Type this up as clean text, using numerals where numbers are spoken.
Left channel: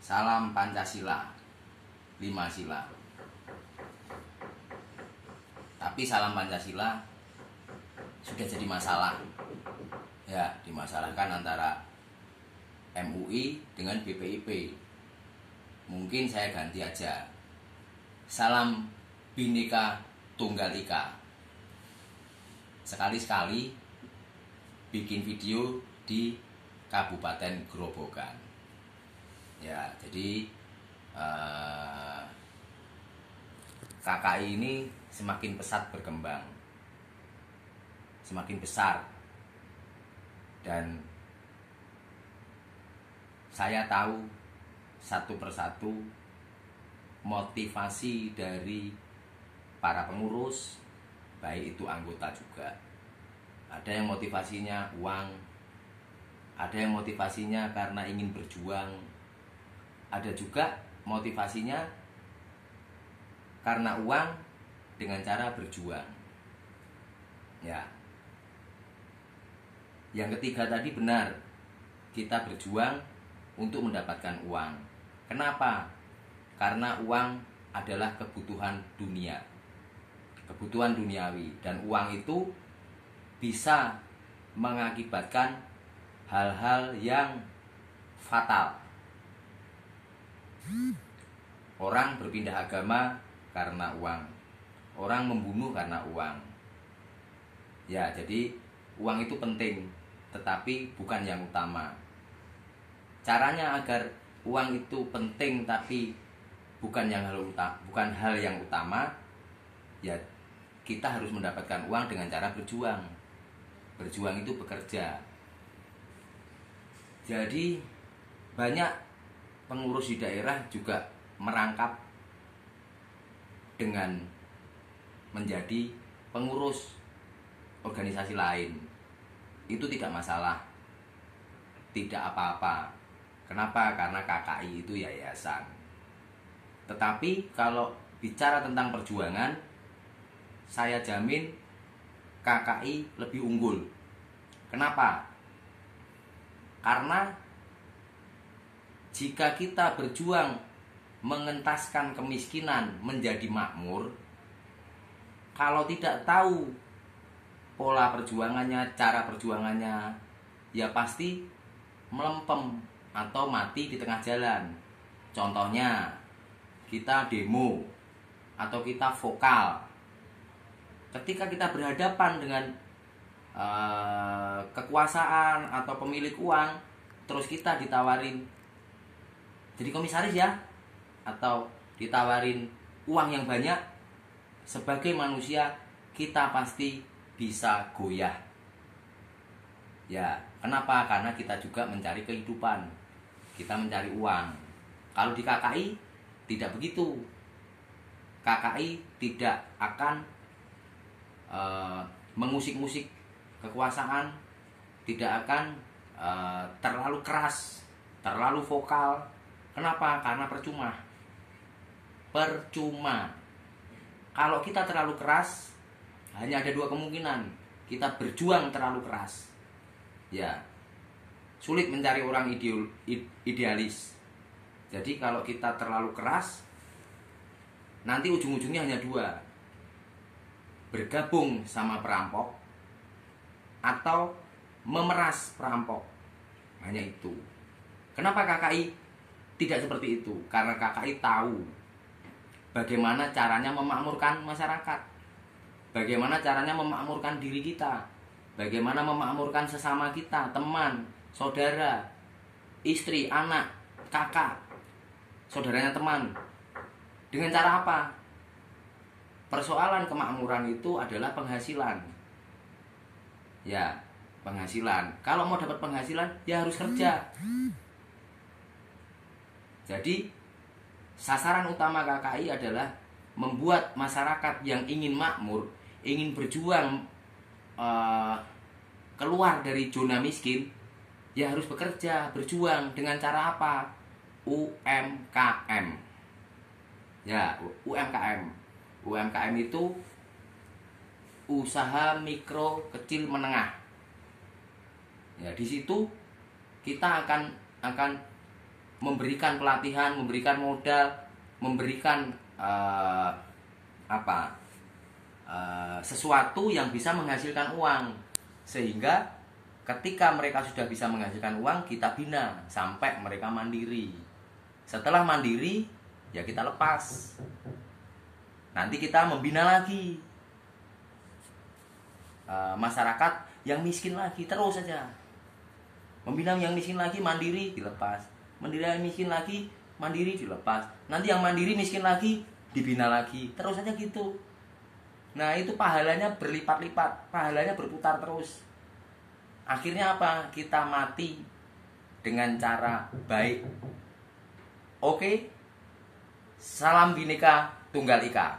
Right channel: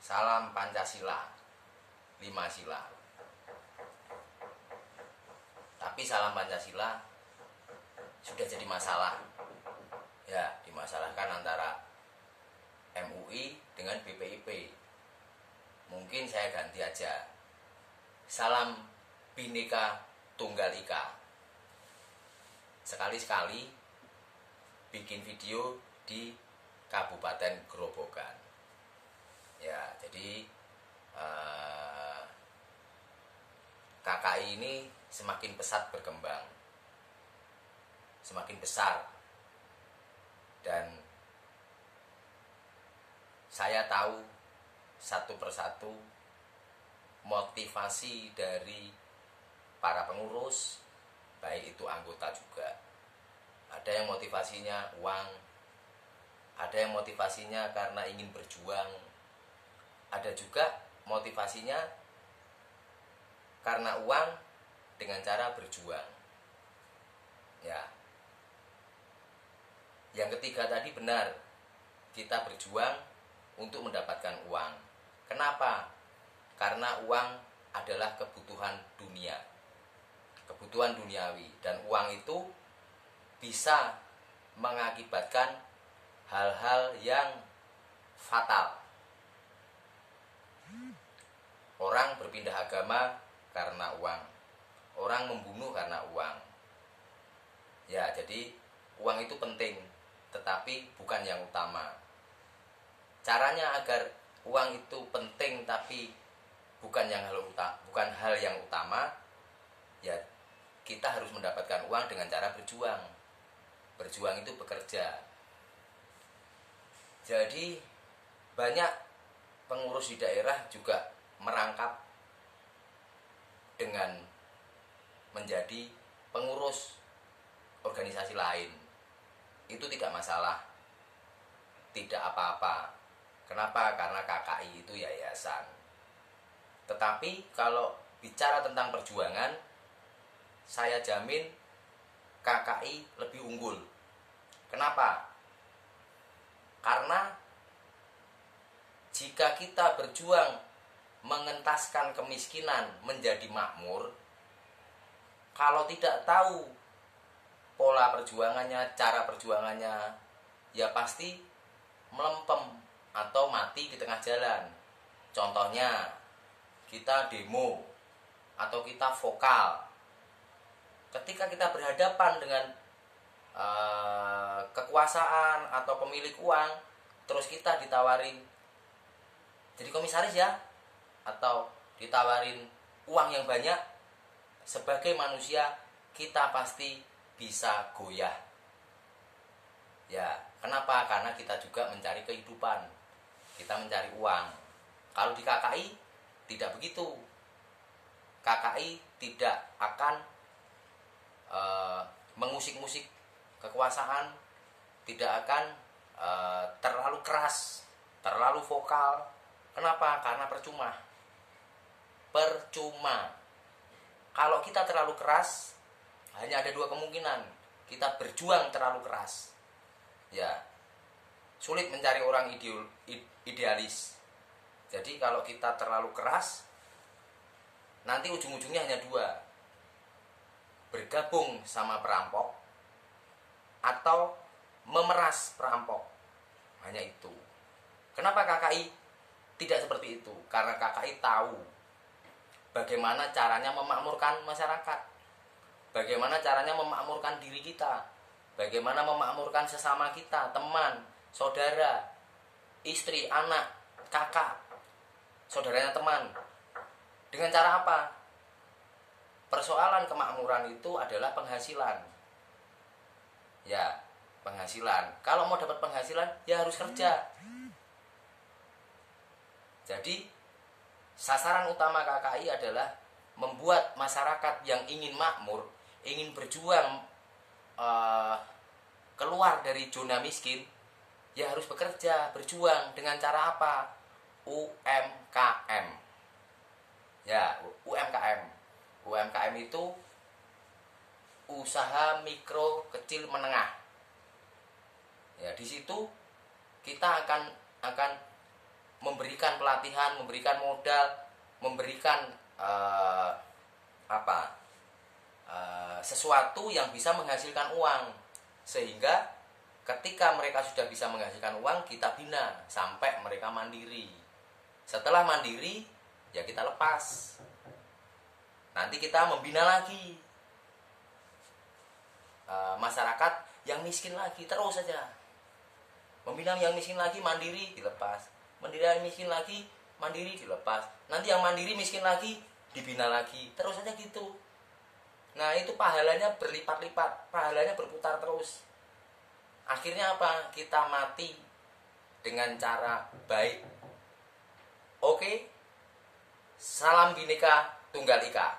Salam Pancasila, 5 sila. Tapi salam Pancasila sudah jadi masalah. Ya, dimasalahkan antara MUI dengan BPIP. Mungkin saya ganti aja. Salam Bhinneka Tunggal Ika. Sekali-sekali bikin video di Kabupaten Grobogan. Ya, jadi KKI ini semakin pesat berkembang, semakin besar, dan saya tahu satu persatu motivasi dari para pengurus, baik itu anggota juga. Ada yang motivasinya uang, ada yang motivasinya karena ingin berjuang, ada juga motivasinya karena uang dengan cara berjuang. Ya. Yang ketiga tadi benar, kita berjuang untuk mendapatkan uang. Kenapa? Karena uang adalah kebutuhan dunia, kebutuhan duniawi, dan uang itu bisa mengakibatkan hal-hal yang fatal. Orang berpindah agama karena uang, orang membunuh karena uang. Ya, jadi uang itu penting, tetapi bukan yang utama. Caranya agar uang itu penting tapi bukan hal yang utama, ya kita harus mendapatkan uang dengan cara berjuang. Berjuang itu bekerja. Jadi banyak pengurus di daerah juga merangkap dengan menjadi pengurus organisasi lain. Itu tidak masalah, tidak apa-apa. Kenapa? Karena KKI itu yayasan. Tetapi kalau bicara tentang perjuangan, saya jamin KKI lebih unggul. Kenapa? Karena jika kita berjuang mengentaskan kemiskinan menjadi makmur, kalau tidak tahu pola perjuangannya, cara perjuangannya, ya pasti melempem atau mati di tengah jalan. Contohnya, kita demo atau kita vokal. Ketika kita berhadapan dengan kekuasaan atau pemilik uang, terus kita ditawarin jadi komisaris ya, atau ditawarin uang yang banyak, sebagai manusia kita pasti bisa goyah. Ya, kenapa? Karena kita juga mencari kehidupan, kita mencari uang. Kalau di KKI tidak begitu. KKI tidak akan mengusik-musik kekuasaan, tidak akan terlalu keras, terlalu vokal. Kenapa? Karena percuma. Kalau kita terlalu keras, hanya ada dua kemungkinan. Kita berjuang terlalu keras, ya sulit mencari orang idealis. Jadi kalau kita terlalu keras, nanti ujung-ujungnya hanya dua: bergabung sama perampok atau memeras perampok. Hanya itu. Kenapa KKI tidak seperti itu? Karena KKI tahu bagaimana caranya memakmurkan masyarakat, bagaimana caranya memakmurkan diri kita, bagaimana memakmurkan sesama kita, teman, saudara, istri, anak, kakak, saudaranya teman. Dengan cara apa? Persoalan kemakmuran itu adalah penghasilan. Ya, penghasilan. Kalau mau dapat penghasilan, ya harus kerja. Jadi, sasaran utama KKI adalah membuat masyarakat yang ingin makmur, ingin berjuang keluar dari zona miskin, ya harus bekerja, berjuang. Dengan cara apa? UMKM. Ya, UMKM. UMKM itu usaha mikro kecil menengah. Ya, di situ kita akan memberikan pelatihan, memberikan modal, memberikan sesuatu yang bisa menghasilkan uang, sehingga ketika mereka sudah bisa menghasilkan uang, kita bina sampai mereka mandiri. Setelah mandiri, ya kita lepas. Nanti kita membina lagi masyarakat yang miskin lagi, terus saja. Membina yang miskin lagi, mandiri, dilepas. Mandiri yang miskin lagi, mandiri, dilepas. Nanti yang mandiri miskin lagi, dibina lagi. Terus saja gitu. Nah, itu pahalanya berlipat-lipat, pahalanya berputar terus. Akhirnya apa? Kita mati dengan cara baik. Oke? Salam Bhinneka Tunggal Ika.